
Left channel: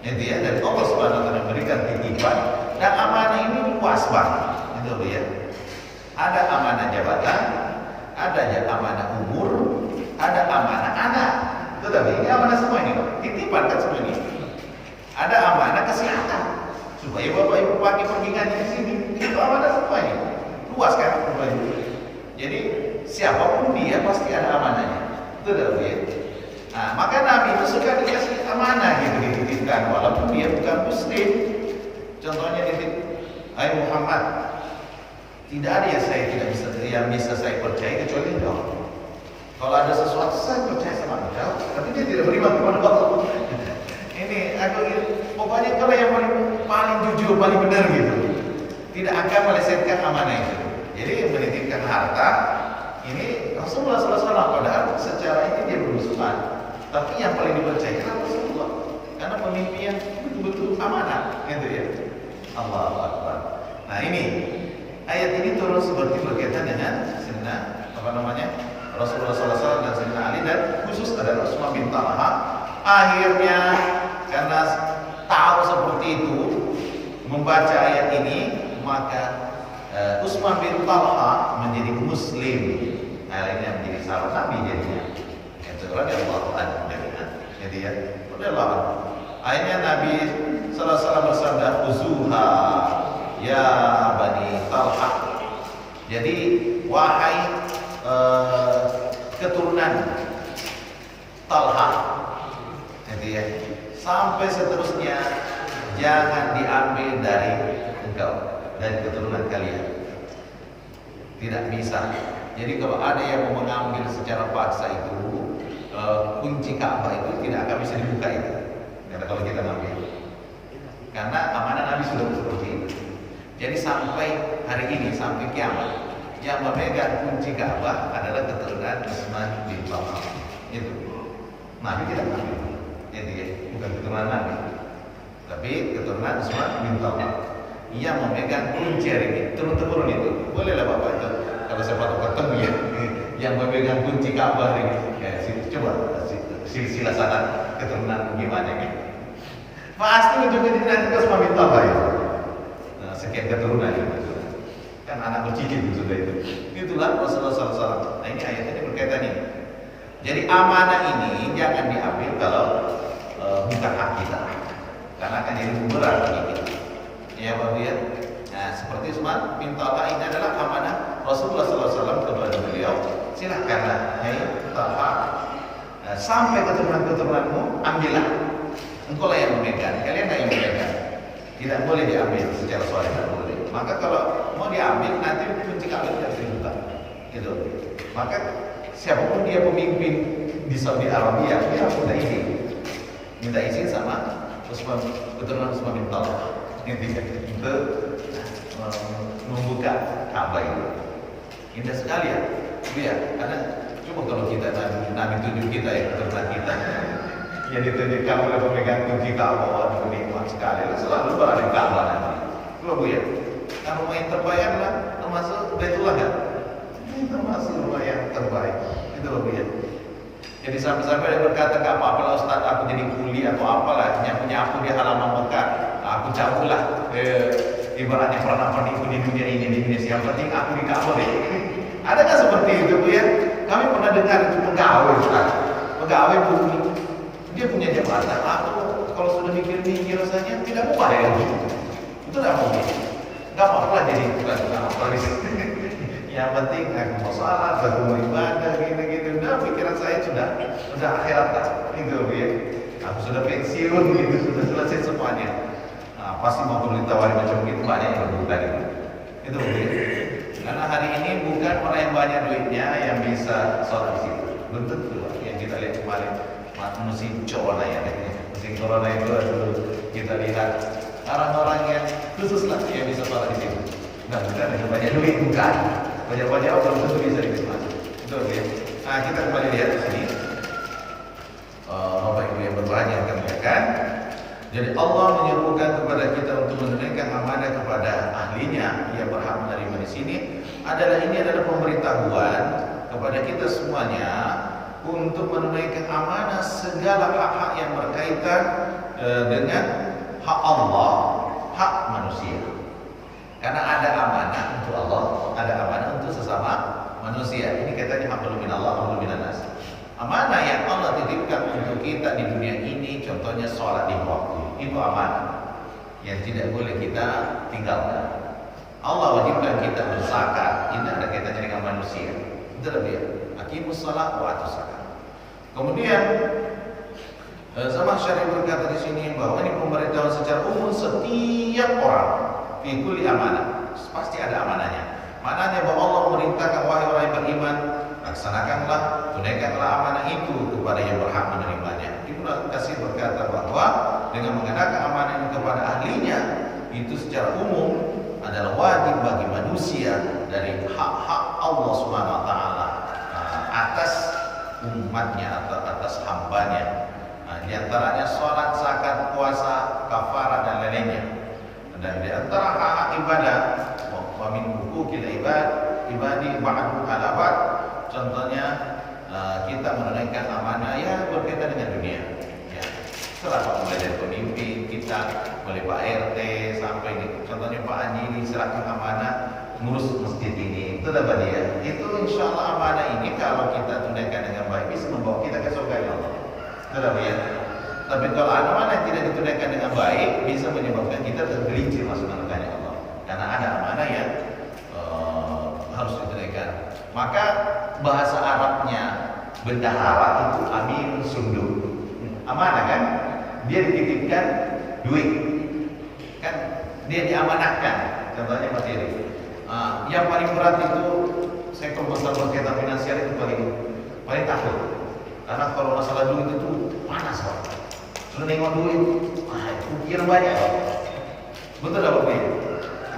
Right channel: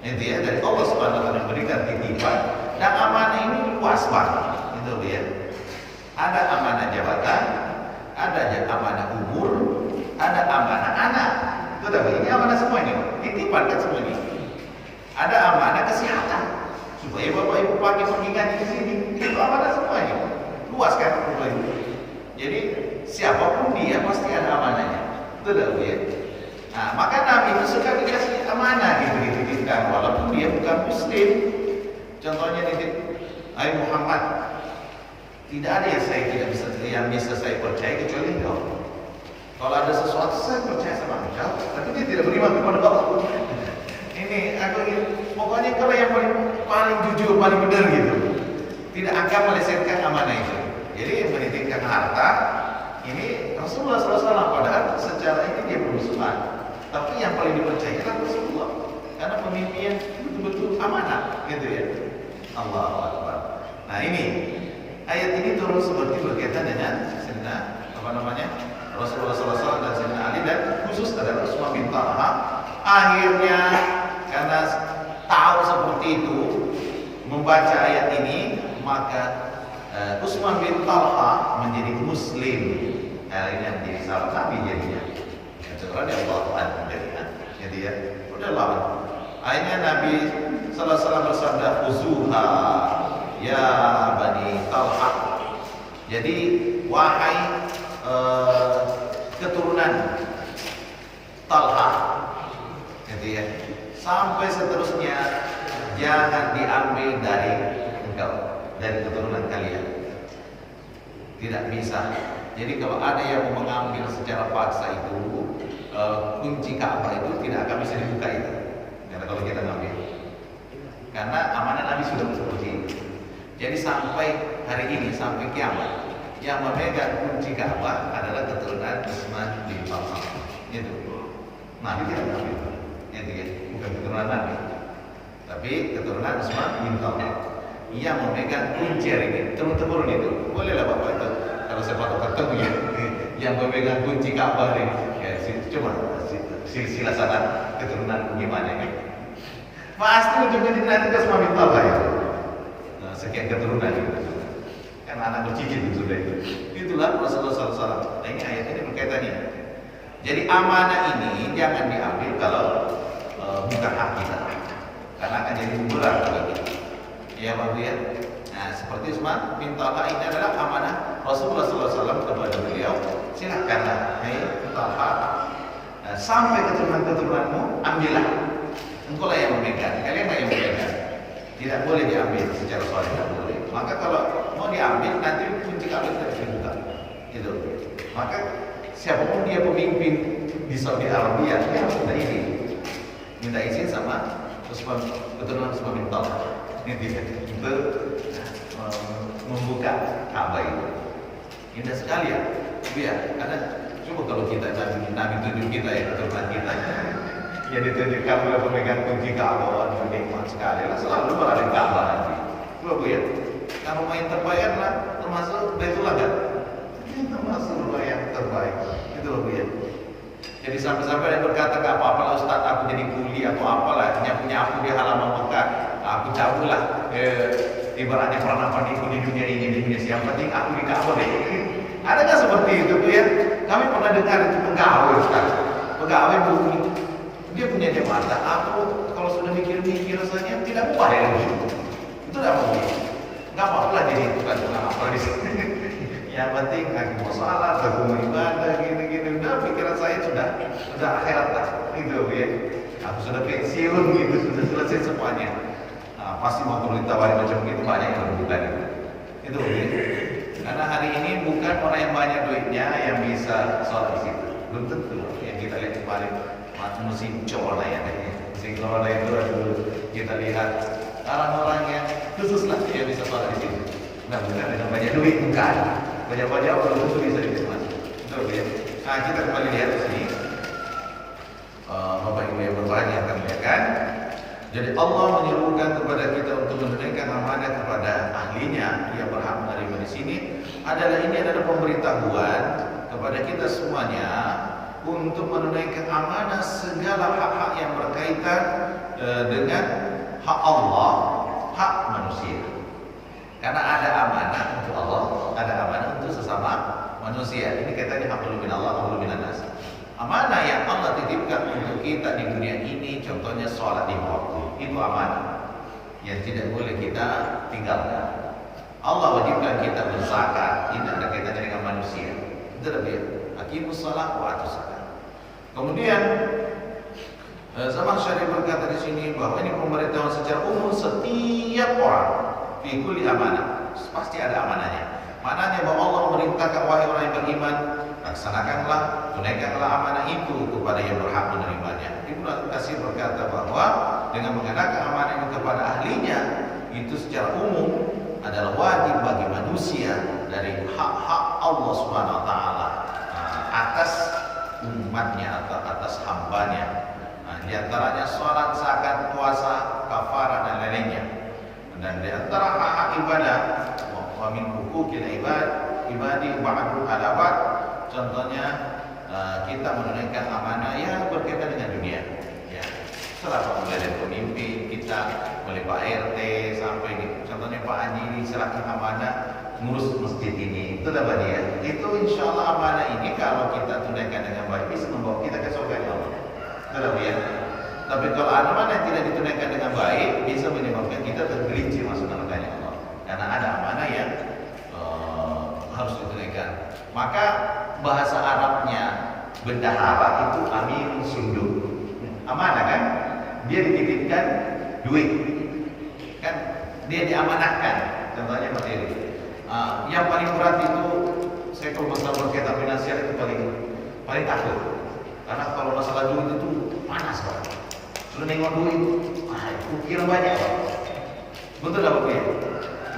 itu ya, dari Allah Subhanahu wa taala memberikan titipan. Dan amanah ini luas banget, itu ya. Ada amanah jabatan, ada amanah umur, ada amanah anak. Tetapi ini amanah semua ini, titipan kan semua ini. Ada amanah kesehatan, supaya Bapak Ibu pakai pergi ngaji di sini. Itu amanah semua ini. Luas kan Bapak Ibu. Jadi siapapun dia pasti ada amanahnya. Betul ya. Nah, maka Nabi itu suka dikasih amanah gitu, dititipkan walaupun dia bukan muslim. Contohnya titip, "Hai Muhammad, tidak ada yang bisa saya percaya kecuali engkau. Kalau ada sesuatu saya percaya sama engkau, tapi dia tidak beriman kepada Allah." Ini aku ingin, pokoknya kalau yang paling jujur, paling benar gitu, tidak akan melesetkan amanah itu. Jadi menitipkan harta ini Rasulullah SAW, padahal secara ini dia bermusuhan, tapi yang paling dipercaya adalah Rasulullah, karena pemimpin yang betul-betul amanah, gitu ya. Allahu Akbar. Nah ini ayat ini turun seperti berkaitan dengan Rasulullah SAW dan Sayyidina Ali dan khusus adalah Utsman bin Talha. Akhirnya karena tahu seperti itu, membaca ayat ini, maka Utsman bin Talha menjadi Muslim. Akhirnya menjadi sahabat Nabi jadinya. Itu radhiyallahu anhu jadinya. Jadi ya, radhiyallahu anhu. Akhirnya Nabi sallallahu alaihi wasallam bersabda, "Uzuha ya Bani Talha." Jadi wahai keturunan Talha, jadi ya, sampai seterusnya jangan diambil dari engkau, dari keturunan kalian. Tidak bisa. Jadi kalau ada yang mau mengambil secara paksa itu kunci Ka'bah itu tidak akan bisa dibuka itu. Karena kalau kita ngambil, karena amanah Nabi sudah seperti itu. Jadi sampai hari ini, sampai kiamat, yang memegang kunci Ka'bah adalah keturunan Utsman bin Talha. Itu Nabi tidak mengambil. Jadi ya, bukan keturunan Nabi, tapi keturunan Utsman bin Talha. Ia memegang kunci hari ini, turun-temurun itu. Bolehlah Bapak itu, kalau saya patut ketemu ya, yang memegang kunci Ka'bah ini. Ya, coba silsilah sana keturunan gimana kan? Pasti ujungnya nanti ke Utsman bin Talha itu. Nah, sekian keturunan itu. Kan anak bercicit itu sudah itu. Itulah Rasulullah SAW. Nah ini ayat ini berkaitan ini. Jadi amanah ini jangan diambil kalau bukan hak kita, karena akan jadi berat bagi kita. Ya Bapak ya. Nah seperti Utsman bin Talha ini adalah amanah Rasulullah SAW kepada beliau. Silakanlah, hai Talha, sampai keturunan-keturunanmu ambillah. Engkau lah yang memegang, kalian lah yang memegang. Tidak boleh diambil secara soleh, tidak boleh. Maka kalau mau diambil nanti kunci Ka'bah tidak bisa dibuka. Gitu. Maka siapapun dia pemimpin di Saudi Arabia, dia harus minta izin sama keturunan Utsman bin Talha. Itu membuka Ka'bah itu. Indah sekali ya. Biar karena coba kalau kita Nabi tunjuk kita ya, keturunan kita. Ya ditunjukkan oleh pemegang kunci Ka'bah, waduh nikmat sekali. Selalu berada di Ka'bah nanti. Coba ya. Kan rumah yang terbaik adalah termasuk Baitullah kan? Ini termasuk rumah yang terbaik. Itu loh ya. Jadi sampai-sampai dia berkata ke apa-apalah Ustaz, aku jadi kuli atau apalah, nyapu-nyapu di halaman Mekah, aku cabutlah. Ibaratnya pernah penipu di dunia ini, di dunia yang penting aku di Ka'bah deh. Adakah seperti itu Bu ya? Kami pernah dengar itu pegawai Ustaz, pegawai bumi, dia punya jabatan. Aku kalau sudah mikir-mikir rasanya tidak mudah dengan itu. Itu tidak mungkin. Nggak apa-apa jadi tukang apa di sini. Yang penting aku mau salat, aku mau ibadah, gitu-gitu. Nah, pikiran saya sudah akhirat lah. Itu ya. Aku sudah pensiun gitu, sudah selesai semuanya. Nah, pasti mau ditawari macam gitu banyak yang rebutan itu. Itu ya. Karena hari ini bukan orang yang banyak duitnya yang bisa sholat di situ. Belum tentu. Yang kita lihat kemarin musim corona ya katanya. Musim corona itu kita lihat orang-orang yang khususlah yang bisa sholat di situ. Nah, bukan dengan banyak duit, bukan. Banyak-banyak belum tentu bisa dimasuk. Itu ya. Nah, kita kembali lihat di sini. Bapak Ibu yang berbahagia akan melihatkan. Jadi Allah menyerukan kepada kita untuk menunaikan amanah kepada ahlinya yang berhak menerima di sini. Ini adalah pemberitahuan kepada kita semuanya untuk menunaikan amanah segala hak-hak yang berkaitan dengan hak Allah, hak manusia. Karena ada amanah untuk Allah, ada amanah untuk sesama manusia. Ini katanya hablum minallah, hablum minannas. Amanah yang Allah titipkan untuk kita di dunia ini, contohnya sholat di waktu, itu amanah yang tidak boleh kita tinggalkan. Allah wajibkan kita berzakat, ini ada kaitannya dengan manusia. Itu lebih aqimus shalah wa atuz zakat. Kemudian Sama Syarif berkata di sini bahwa ini pemberitahuan secara umum setiap orang fi kulli amanah, pasti ada amanahnya. Mananya bahwa Allah memerintahkan wahai orang yang beriman, laksanakanlah, tunaikanlah amanah itu kepada yang berhak menerimanya. Ibnu Katsir berkata bahwa dengan mengenakan amanah ini kepada ahlinya itu secara umum adalah wajib bagi manusia dari hak-hak Allah Subhanahu wa taala atas umatnya atau atas hambanya. Di antaranya salat, zakat, puasa, kafarah dan lainnya. Dan di antara hak-hak ibadah wa min huquqil ibadi ba'du ala ba'd contohnya kita menunaikan amanah ya berkaitan dengan dunia. Ya, serahkan mulai dari pemimpin kita, mulai Pak RT sampai contohnya Pak Haji ini serahkan amanah ngurus masjid ini. Itu dapat dia. Itu insya Allah amanah ini kalau kita tunaikan dengan baik bisa membawa kita ke surga Allah. Itu dapat ya. Tapi kalau amanah yang tidak ditunaikan dengan baik bisa menyebabkan kita tergelincir masuk neraka Allah. Karena ada amanah yang harus ditunaikan. Maka bahasa Arabnya bendahara itu amirun sunduk. Amanah kan? Dia dititipkan duit. Kan dia diamanahkan. Contohnya materi. Yang paling berat itu saya kalau masalah berkaitan finansial itu paling takut. Karena kalau masalah duit itu panas banget. Sudah nengok duit, itu banyak. Betul apa Pak?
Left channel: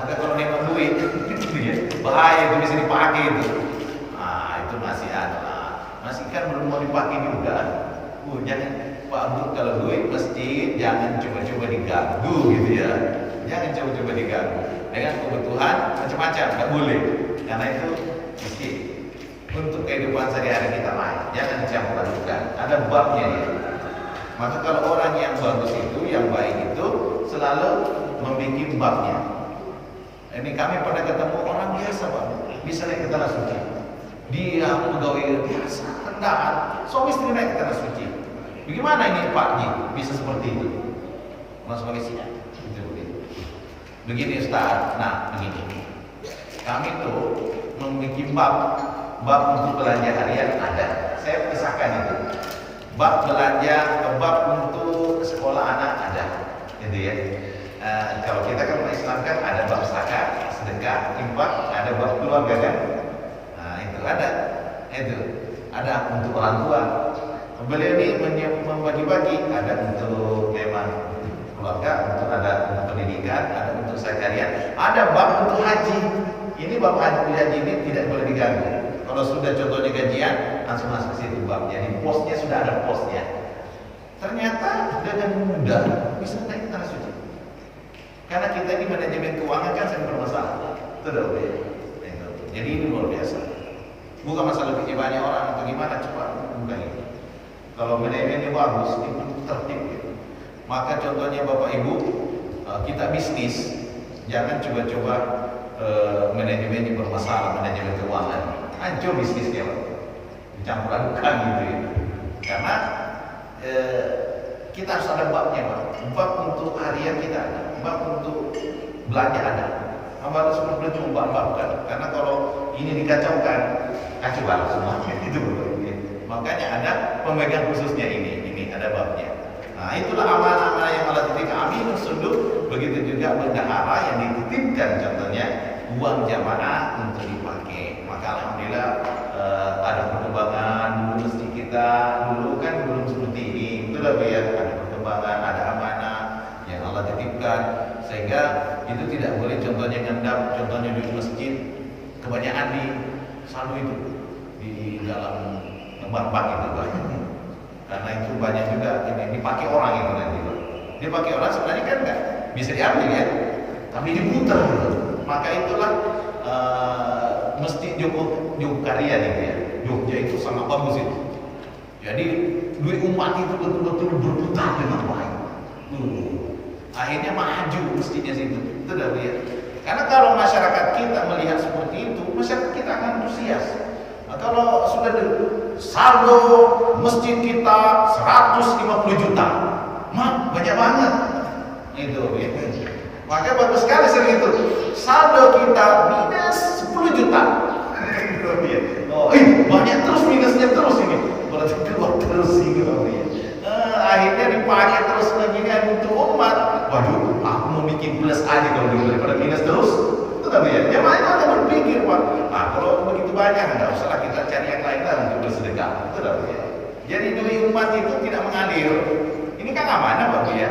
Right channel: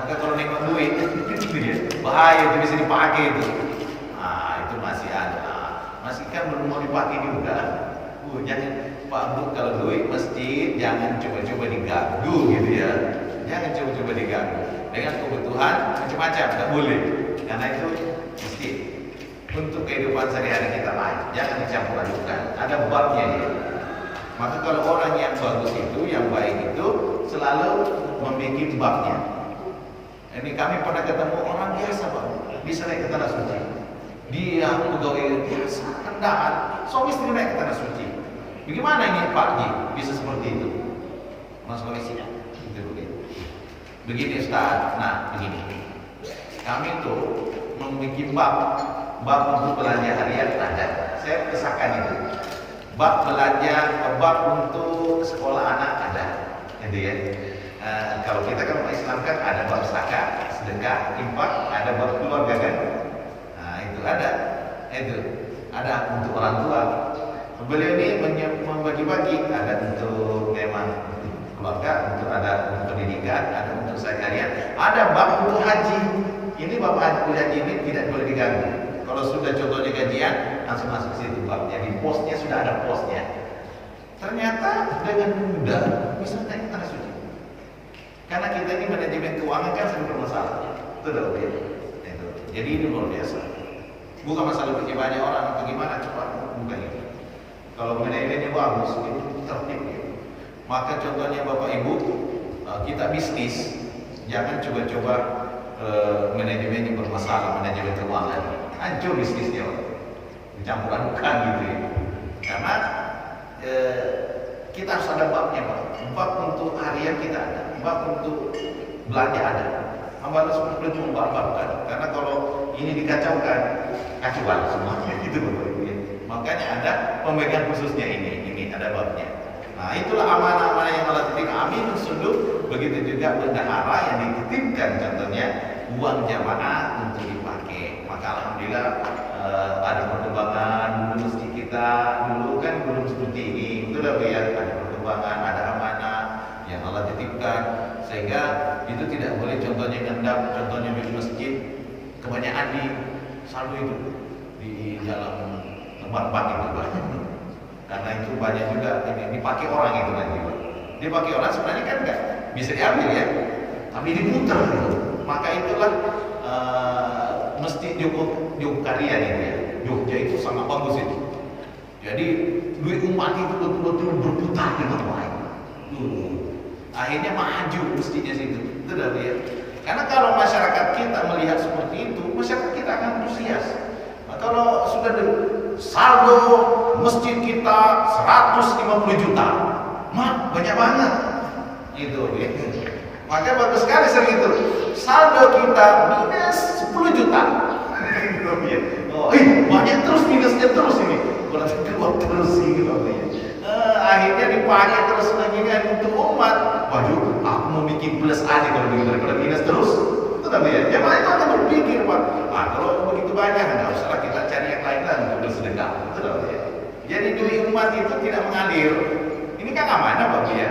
Maka kalau nengok duit itu dia bahaya, itu bisa dipakai itu. Itu masih ada. Masih kan belum mau dipakai juga. Jangan Pak Bu kalau duit masjid jangan coba-coba diganggu gitu ya. Jangan coba-coba diganggu. Dengan kebutuhan macam-macam, tak boleh. Karena itu masjid untuk kehidupan sehari-hari kita lain. Jangan dicampur adukan. Ada babnya ya. Maka kalau orang yang bagus itu, yang baik itu selalu membuat babnya. Ini kami pernah ketemu orang biasa Pak, bisa naik ke tanah suci. Dia pegawai biasa, rendahan, suami istri naik ke tanah suci. Bagaimana ini Pak Ji bisa seperti itu? Mas Sulawesi itu begini. Begini Ustaz, nah begini. Kami tuh membuat bab untuk belanja harian ada. Saya kisahkan itu. Bab belanja, bab untuk sekolah anak ada, gitu ya. Kalau kita kan umat Islam kan ada bab zakat, sedekah, infak, ada bab keluarga kan. Itu ada untuk orang tua. Beliau ini membagi-bagi, ada untuk memang keluarga, ada untuk pendidikan, ada untuk sehari-harian, ada bab untuk haji. Ini bab haji ini tidak boleh diganggu. Kalau sudah contohnya gajian, langsung masuk situ bab. Jadi posnya sudah ada posnya. Ternyata dengan mudah bisa naik ke tanah suci. Karena kita ini manajemen keuangan kan sering bermasalah. Itu dah oke. Jadi ini luar biasa. Bukan masalah lebih banyak orang atau gimana cepat, bukan itu. Kalau manajemennya bagus, itu tertib ya. Maka contohnya Bapak Ibu, kita bisnis, jangan coba-coba manajemennya bermasalah, manajemen keuangan. Hancur bisnisnya, dicampur adukan gitu ya. Karena kita harus ada babnya Pak. Bab untuk harian kita ada, bab untuk belanja ada. Memang harus betul membab-babkan. Karena kalau ini dikacaukan, kacau banget semuanya itu Bapak ya. Makanya ada pemegang khususnya ini ada babnya. Nah itulah amanah-amanah yang Allah titipkan. Aminun sunduk. Begitu juga bendahara yang dititipkan, contohnya uang jamaah untuk dipakai. Maka alhamdulillah ada perkembangan dulu masjid kita dulu kan belum seperti ini. Itu dah ya, ada perkembangan, ada amanah yang Allah titipkan sehingga itu tidak boleh contohnya ngendap, contohnya di masjid kebanyakan di saldo itu di dalam bank itu Pak. Karena itu banyak juga ini dipakai orang itu nanti Pak. Dipakai orang sebenarnya kan enggak bisa diambil ya, tapi diputar gitu. Maka itulah Masjid Jogakarya itu ya. Jogja itu sangat bagus itu. Jadi duit umat itu betul-betul berputar dengan orang. Akhirnya maju masjidnya situ. Itu dah ya. Karena kalau masyarakat kita melihat seperti itu, masyarakat kita akan antusias. Nah, kalau sudah saldo masjid kita 150 juta, banyak banget. Itu ya. Maka bagus sekali sering itu. Saldo kita minus 10 juta. Banyak terus minusnya terus ini. Berarti keluar terus gitu ya. Akhirnya dipakai terus begini untuk umat. Waduh, aku mau bikin plus aja kalau begitu daripada minus terus. Itu kan ya. Yang lain akan berpikir Pak. Kalau begitu banyak enggak usahlah kita cari yang lain lah untuk bersedekah. Itu kan ya. Jadi duit umat itu tidak mengalir. Ini kan amanah Pak ya.